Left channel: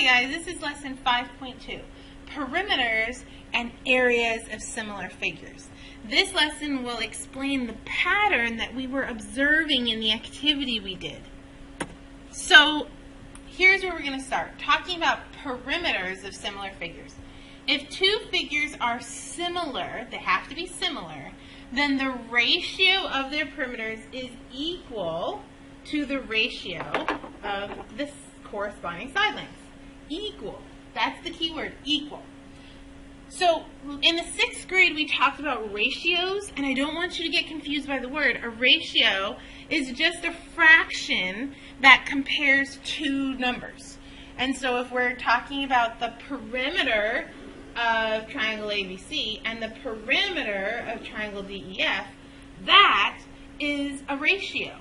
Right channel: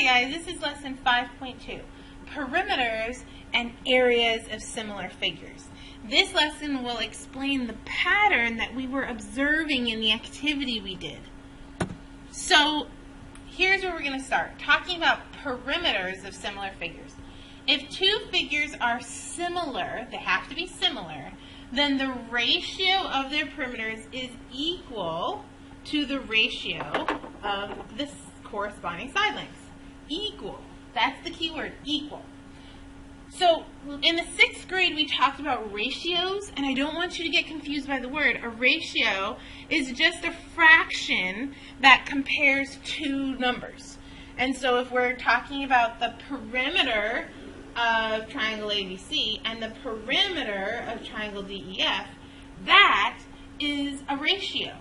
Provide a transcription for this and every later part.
Hi guys, this is lesson 5.2, perimeters and areas of similar figures. This lesson will explain the pattern that we were observing in the activity we did. So here's where we're going to start, talking about perimeters of similar figures. If two figures are similar, they have to be similar, then the ratio of their perimeters is equal to the ratio of the corresponding side lengths. Equal. That's the key word, equal. So in the 6th grade we talked about ratios, and I don't want you to get confused by the word. A ratio is just a fraction that compares two numbers. And so if we're talking about the perimeter of triangle ABC and the perimeter of triangle DEF, that is a ratio.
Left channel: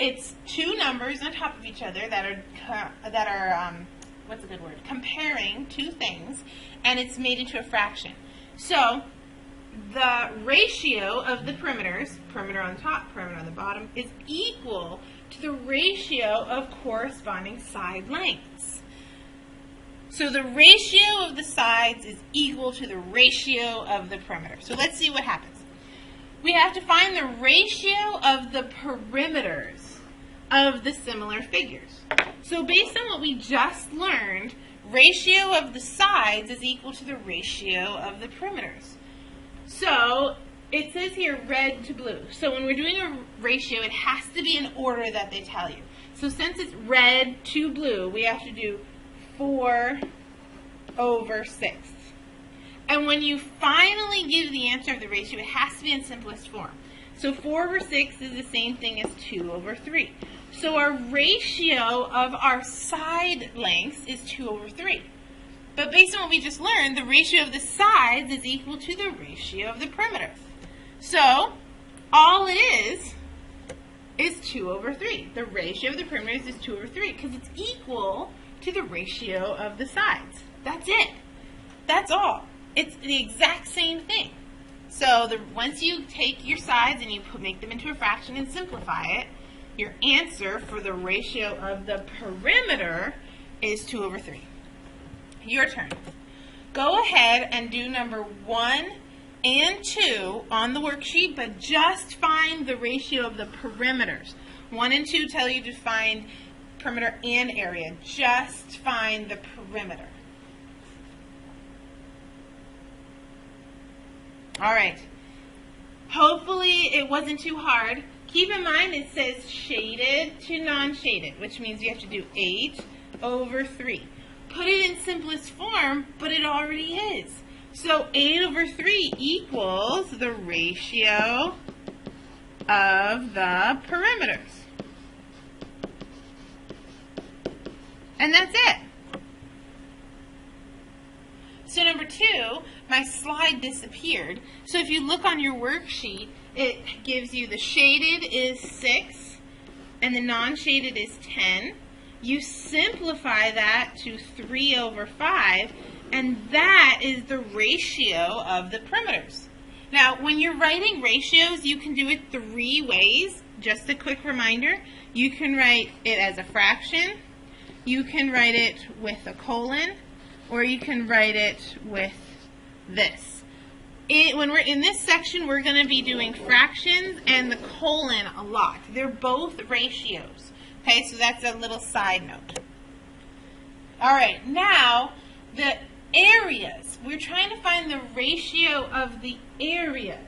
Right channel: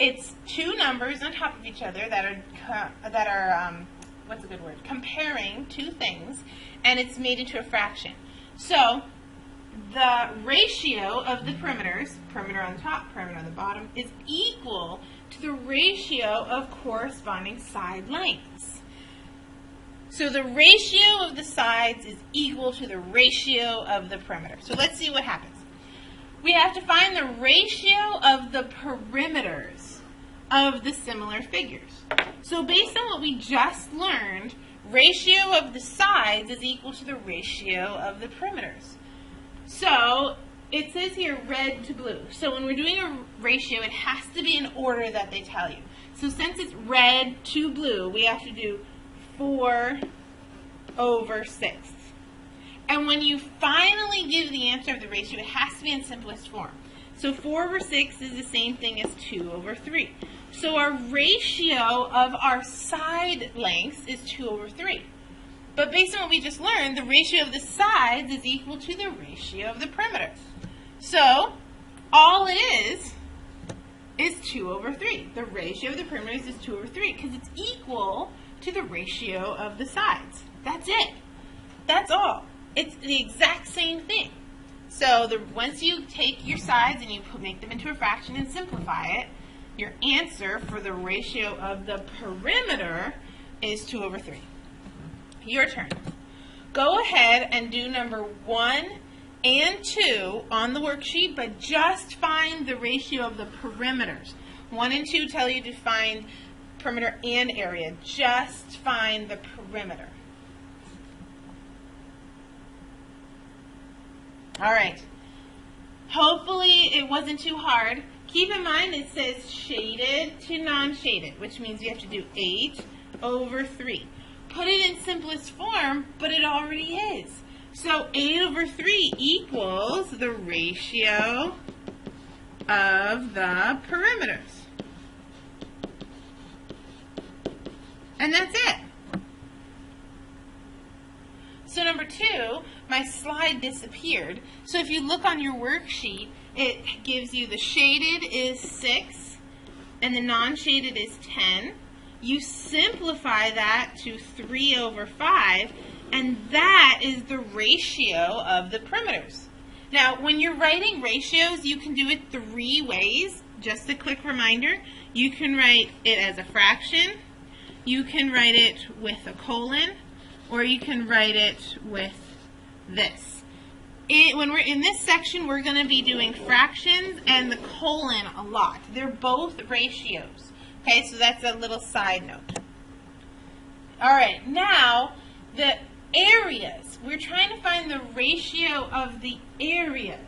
It's two numbers on top of each other that are what's a good word? Comparing two things, and it's made into a fraction. So the ratio of the perimeters, perimeter on the top, perimeter on the bottom, is equal to the ratio of corresponding side lengths. So the ratio of the sides is equal to the ratio of the perimeter. So let's see what happens. We have to find the ratio of the perimeters of the similar figures. So based on what we just learned, ratio of the sides is equal to the ratio of the perimeters. So it says here red to blue. So when we're doing a ratio, it has to be in order that they tell you. So since it's red to blue, we have to do 4/6. And when you finally give the answer of the ratio, it has to be in simplest form. So 4/6 is the same thing as 2/3. So our ratio of our side lengths is 2/3. But based on what we just learned, the ratio of the sides is equal to the ratio of the perimeters. So all it is 2/3. The ratio of the perimeters is 2/3 because it's equal to the ratio of the sides. That's it. That's all. It's the exact same thing. So once you take your sides and you make them into a fraction and simplify it, your answer for the ratio of the perimeter is 2/3. Your turn. Go ahead and do number 1 and 2 on the worksheet, but just find the ratio of the perimeters. 1 and 2 tell you to find perimeter and area. Just find the perimeter. All right. Hopefully it wasn't too hard. Keep in mind it says shaded to non-shaded, which means you have to do 8/3. Put it in simplest form, but it already is. So 8/3 equals the ratio of the perimeters. And that's it. So number 2, my slide disappeared. So if you look on your worksheet, it gives you the shaded is 6 and the non-shaded is 10. You simplify that to 3/5, and that is the ratio of the perimeters. Now, when you're writing ratios, you can do it 3 ways. Just a quick reminder, you can write it as a fraction, you can write it with a colon, or you can write it with this. When we're in this section, we're going to be doing fractions and the colon a lot. They're both ratios. Okay, so that's a little side note. All right, now the areas. We're trying to find the ratio of the areas.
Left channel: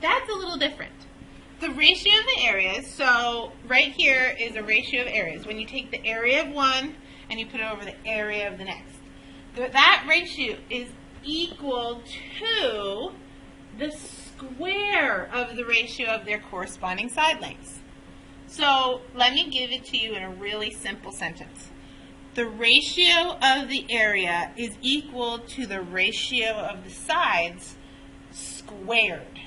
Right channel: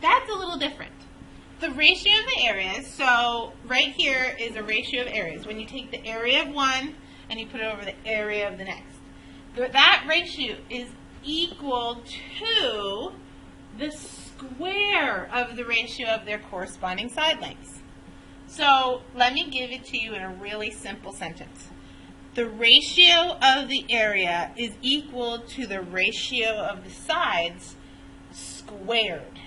That's a little different. The ratio of the areas, so right here is a ratio of areas. When you take the area of one and you put it over the area of the next. That ratio is equal to the square of the ratio of their corresponding side lengths. So let me give it to you in a really simple sentence. The ratio of the area is equal to the ratio of the sides squared.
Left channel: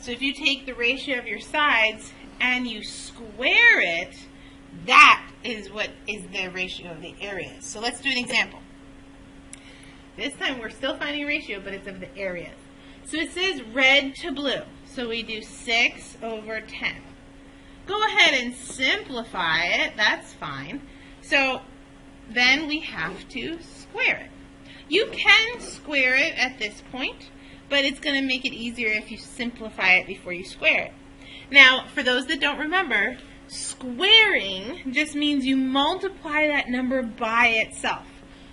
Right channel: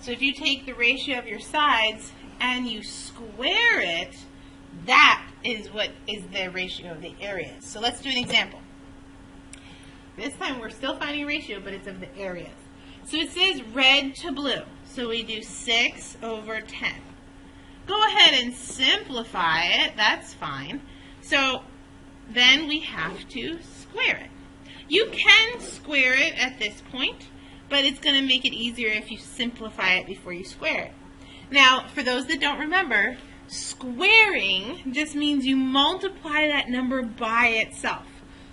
So if you take the ratio of your sides and you square it, that is what is the ratio of the areas. So let's do an example. This time we're still finding a ratio, but it's of the areas. So it says red to blue. So we do 6/10. Go ahead and simplify it. That's fine. So then we have to square it. You can square it at this point, but it's going to make it easier if you simplify it before you square it. Now, for those that don't remember, squaring just means you multiply that number by itself.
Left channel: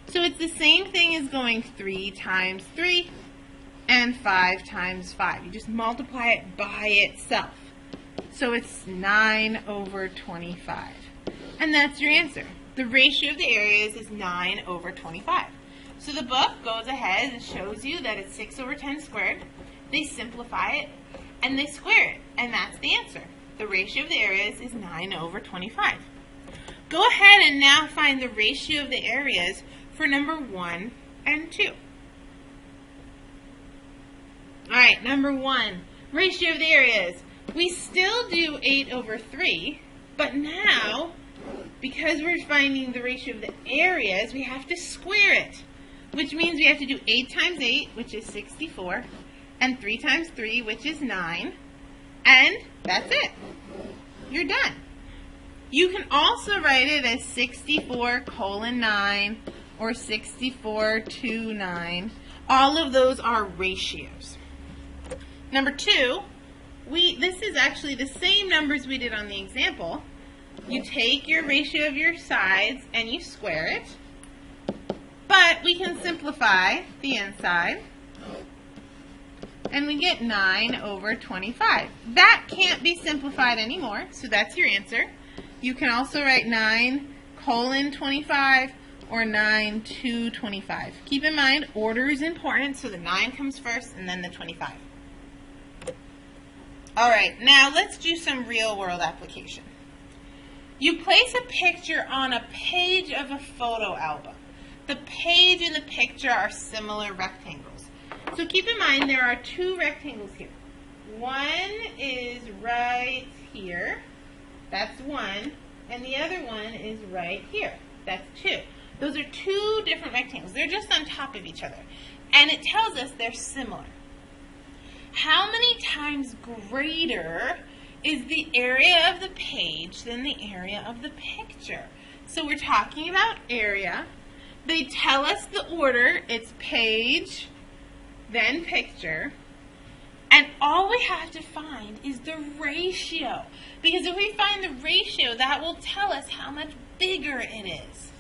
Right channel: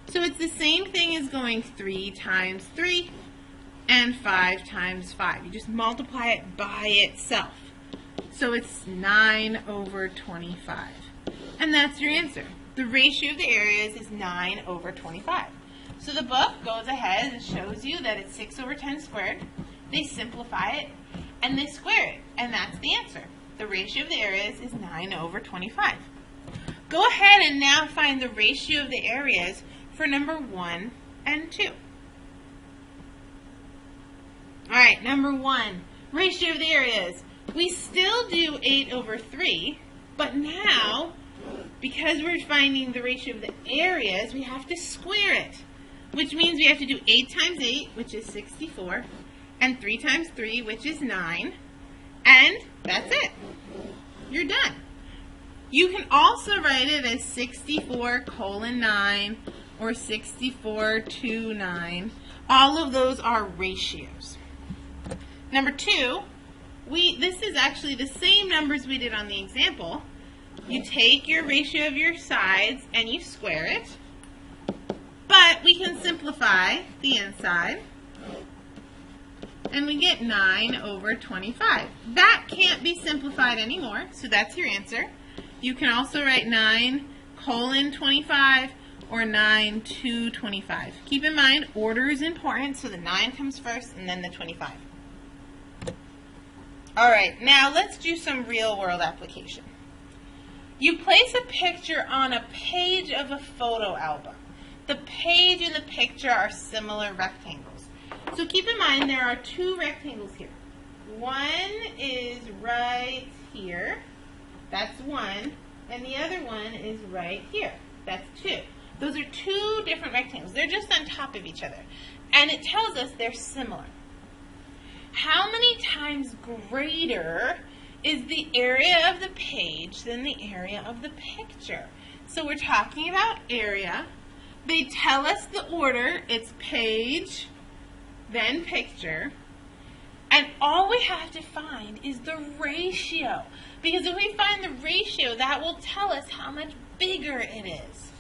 So it's the same thing as going 3 times 3 and 5 times 5. You just multiply it by itself. So it's 9 over 25. And that's your answer. The ratio of the areas is 9 over 25. So the book goes ahead and shows you that it's 6 over 10 squared. They simplify it and they square it. And that's the answer. The ratio of the areas is 9 over 25. Go ahead and now find the ratio of the areas for number 1 and 2. Alright, number 1, ratio of the areas. We still do 8 over 3, but now, because we're finding the ratio of the areas, we have to square it, which means we have to do 8 times 8, which is 64, and 3 times 3, which is 9, and that's it. You're done. You can also write it as 64 colon 9 or 64 to 9. All of those are ratios. Number 2, this is actually the same numbers we did on the example. You take your ratio of your sides and you square it, but we can simplify the inside, and we get 9 over 25. That can't be simplified anymore, so that's your answer. You can also write 9 colon 25 or 9 to 25. Keep in mind, order is important, so the 9 comes first and then the 25. All right, now let's do some real-world application. You place a picture on a page of a photo album. The page and the picture are similar rectangles. So keep in mind there are 2 rectangles here. One is right here. That's 1. And the other one is right here. That's 2. Those are 2 different rectangles. They're just on top of each other. And it tells us they're similar. How many times greater is the area of the page than the area of the picture? So we're talking about area. They tell us the order. It's page, then picture. And all we have to find is the ratio. Because if we find the ratio, that will tell us how much bigger it is.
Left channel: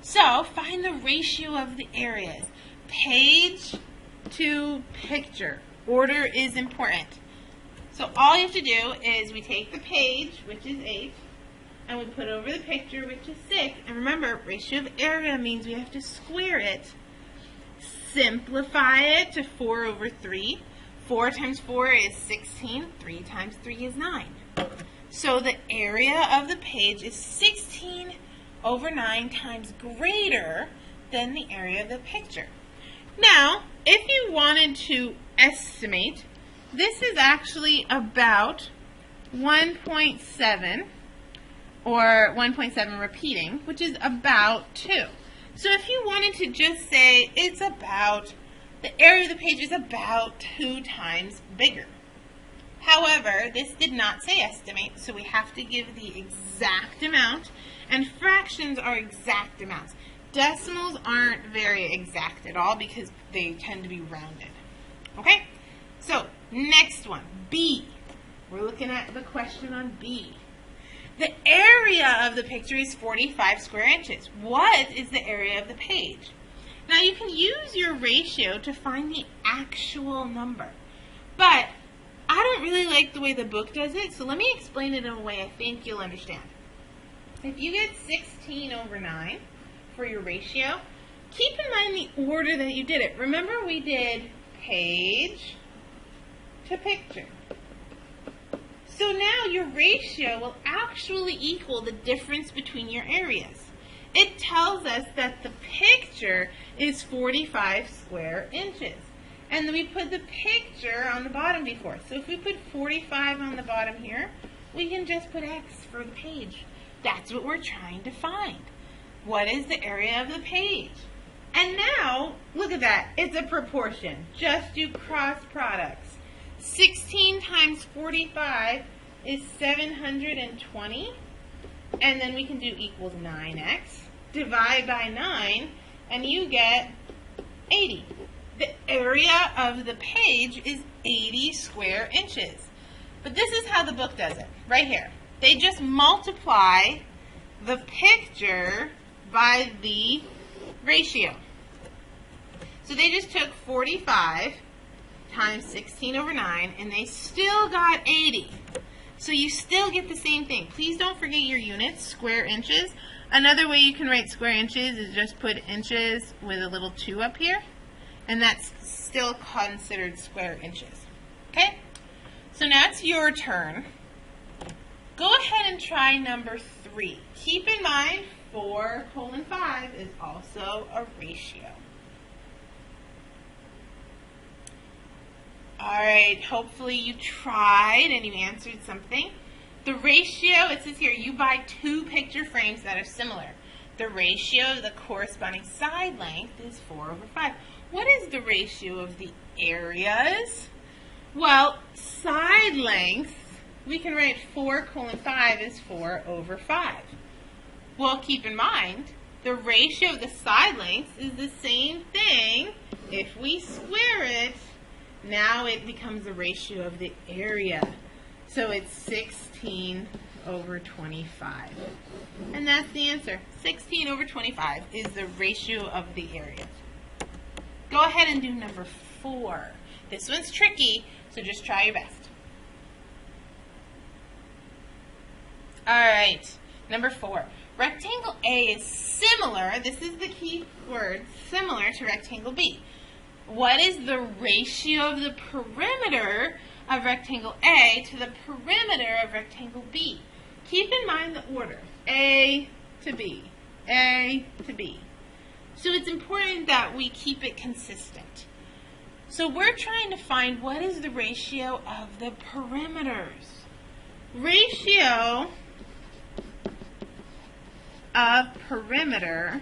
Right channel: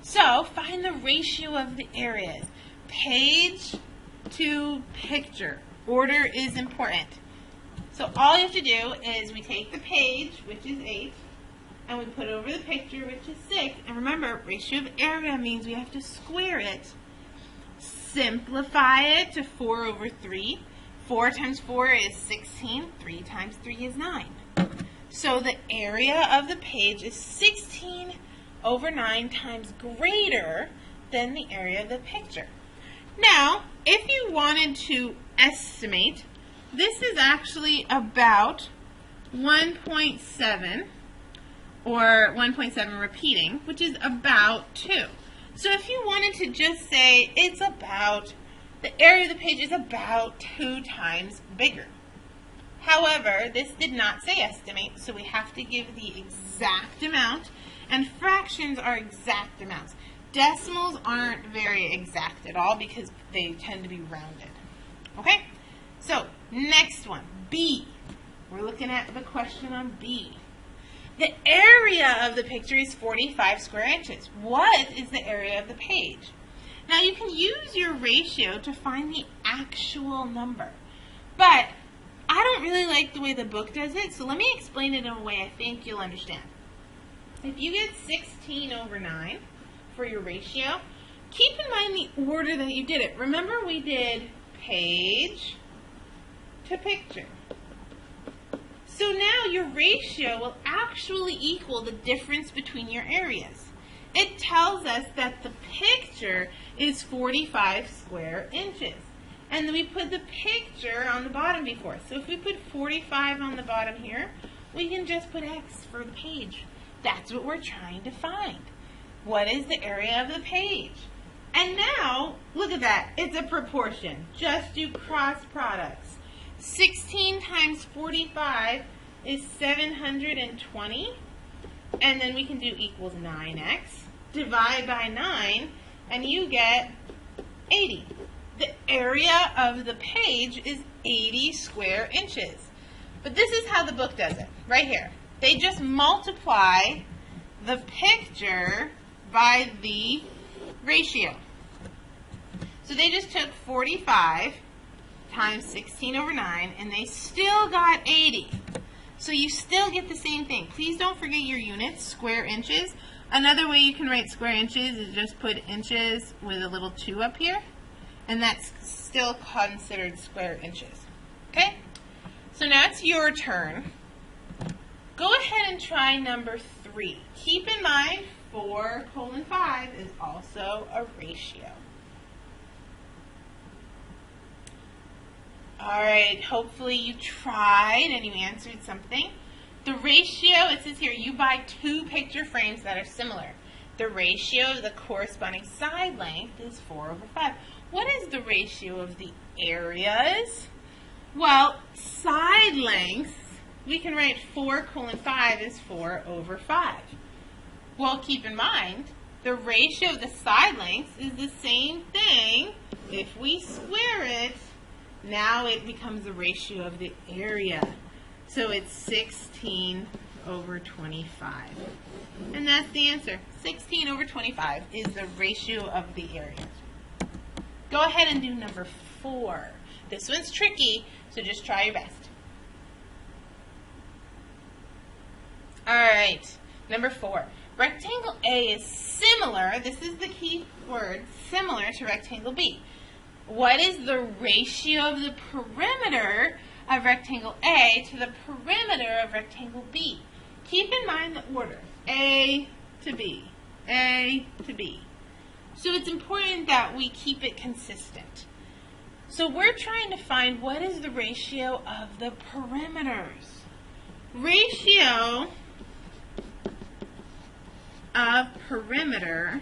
So find the ratio of the areas. Page to picture. Order is important. So all you have to do is we take the page, which is 8, and we put over the picture, which is 6. And remember, ratio of area means we have to square it. Simplify it to 4 over 3. 4 times 4 is 16. 3 times 3 is 9. So the area of the page is 16 over 9 times greater than the area of the picture. Now, if you wanted to estimate, this is actually about 1.7 or 1.7 repeating, which is about 2. So if you wanted to just say it's about, the area of the page is about 2 times bigger. However, this did not say estimate, so we have to give the exact amount, and fractions are exact amounts. Decimals aren't very exact at all because they tend to be rounded. Okay? So, next one, B. We're looking at the question on B. The area of the picture is 45 square inches. What is the area of the page? Now, you can use your ratio to find the actual number, but I don't really like the way the book does it, so let me explain it in a way I think you'll understand. If you get 16 over 9 for your ratio, keep in mind the order that you did it. Remember we did page to picture. So now your ratio will actually equal the difference between your areas. It tells us that the picture is 45 square inches. And then we put the picture on the bottom before. So if we put 45 on the bottom here, we can just put X for the page. That's what we're trying to find. What is the area of the page? And now, look at that. It's a proportion. Just do cross products. 16 times 45 is 720. And then we can do equals 9x. divide by 9, and you get 80. The area of the page is 80 square inches. But this is how the book does it, right here. They just multiply the picture by the ratio. So they just took 45 times 16 over 9, and they still got 80. So you still get the same thing. Please don't forget your units, square inches. Another way you can write square inches is just put inches with a little 2 up here, and that's still considered square inches. Okay? So now it's your turn. Go ahead and try number 3. Keep in mind 4:5 is also a ratio. Alright, hopefully you tried and you answered something. The ratio, it says here, you buy 2 picture frames that are similar. The ratio of the corresponding side length is 4/5. What is the ratio of the areas? Well, side length, we can write 4:5 is 4/5. Well, keep in mind, the ratio of the side lengths is the same thing. If we square it, now it becomes the ratio of the area. So it's 16/25. And that's the answer. 16/25 is the ratio of the area. Go ahead and do number 4. This one's tricky, so just try your best. Alright, number 4. Rectangle A is similar, this is the key word, similar to rectangle B. What is the ratio of the perimeter of rectangle A to the perimeter of rectangle B? Keep in mind the order, A to B, A to B. So it's important that we keep it consistent. So we're trying to find what is the ratio of the perimeters. Ratio of perimeter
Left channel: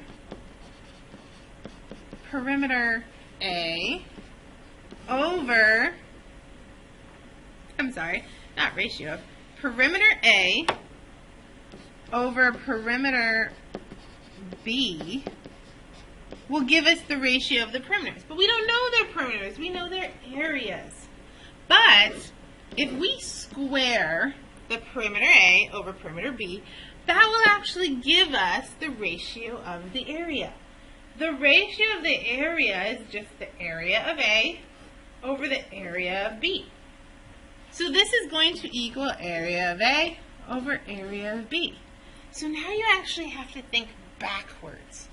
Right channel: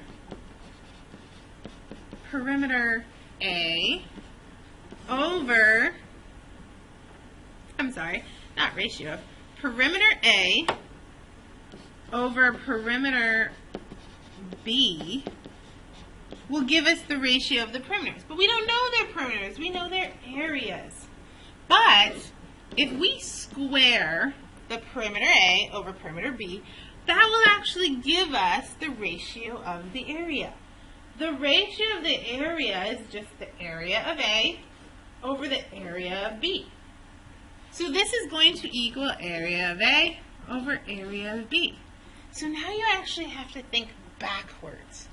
A over, perimeter A over perimeter B will give us the ratio of the perimeters. But we don't know their perimeters, we know their areas. But if we square the perimeter A over perimeter B, that will actually give us the ratio of the area. The ratio of the area is just the area of A over the area of B. So this is going to equal area of A over area of B. So now you actually have to think backwards.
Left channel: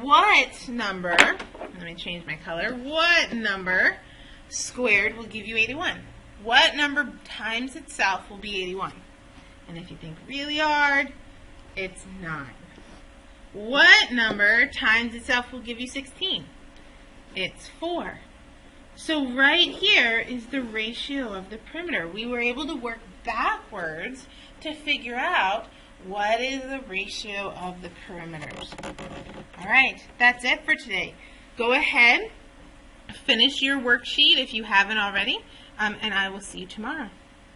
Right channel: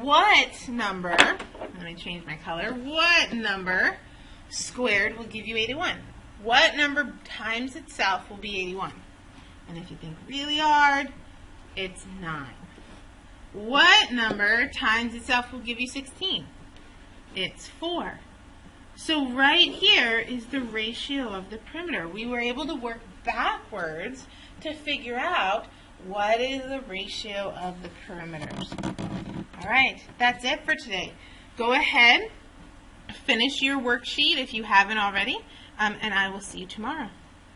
What number, let me change my color, what number squared will give you 81? What number times itself will be 81? And if you think really hard, it's 9. What number times itself will give you 16? It's 4. So right here is the ratio of the perimeter. We were able to work backwards to figure out what is the ratio of the perimeters. All right, that's it for today. Go ahead, finish your worksheet if you haven't already, and I will see you tomorrow.